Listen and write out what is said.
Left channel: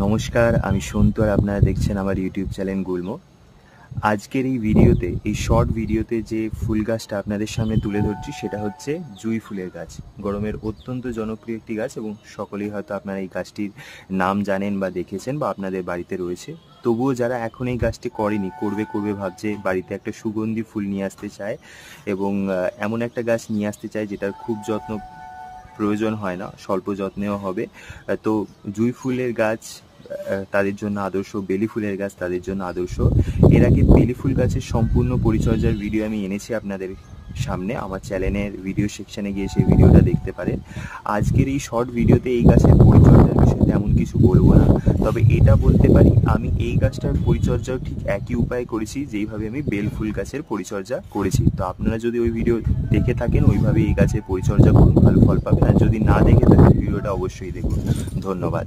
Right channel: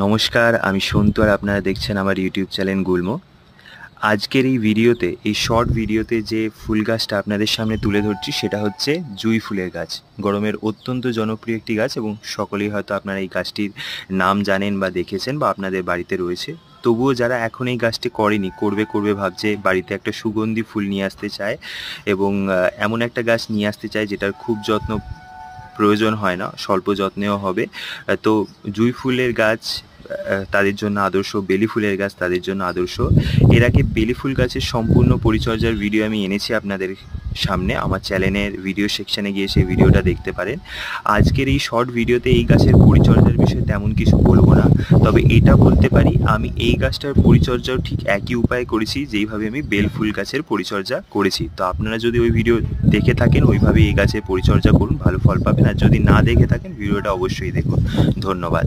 নমস্কার, আমি সন্তু আর আপনারা দেখছেন আমার ইউটিউব চ্যানেল গুল্ম। আজকের এই ভিডিওতে, এই শর্ট ভিডিওতে যে ফুল গাছটা আপনাদের সামনে তুলে ধরছি সেটা হচ্ছে জুঁই ফুলের গাছ। গরমের অত্যন্ত জনপ্রিয় একটি গাছ এবং সকলেই হয়তো আপনারা এই গাছটির নাম জানেন বা দেখেছেন বা আপনাদের বাড়িতে রয়েছে। তবুও যারা এখন এই গাছটি করেনি, করবে ভাবছে, বাড়িতে একটা সুগন্ধি ফুল নিয়ে আসতে চায় এবং এমন একটা গাছ নিয়ে আসতে চায় যেটার খুব যত্ন প্রয়োজন হয় না, স্বল্প যত্নেও হবে। তো জুঁই ফুলের গাছ তাদের জন্য আদর্শ, বেলি ফুলের গাছ তাদের জন্য আদর্শ। এর আগে বেলি ফুল গাছের সম্পূর্ণ পরিচর্যার ভিডিও আমি এনেছি আপনাদের সামনে, আমার চ্যানেলের ভিডিও সেকশানে গিয়ে সেই ভিডিওটা দেখতে পারেন। আজকের এই শর্ট ভিডিওতে এই গাছের পরিচর্যার বিষয়ে তেমন কিছু বলবো না, তবে এটা বলতে পারি আমি এই গাছটার পরিচর্যাও ঠিক একই উপায়ে করেছি যেইভাবে আমি বেল ফুল গাছের পরিচর্যা করেছি। তো আপনারা যদি ওই ভিডিও দেখে থাকেন ওইভাবে এই গাছের পরিচর্যা করুন, ভালো ফল পাবেন। আর যদি না দেখে থাকেন ভিডিওটা অবশ্যই দেখুন। ধন্যবাদ।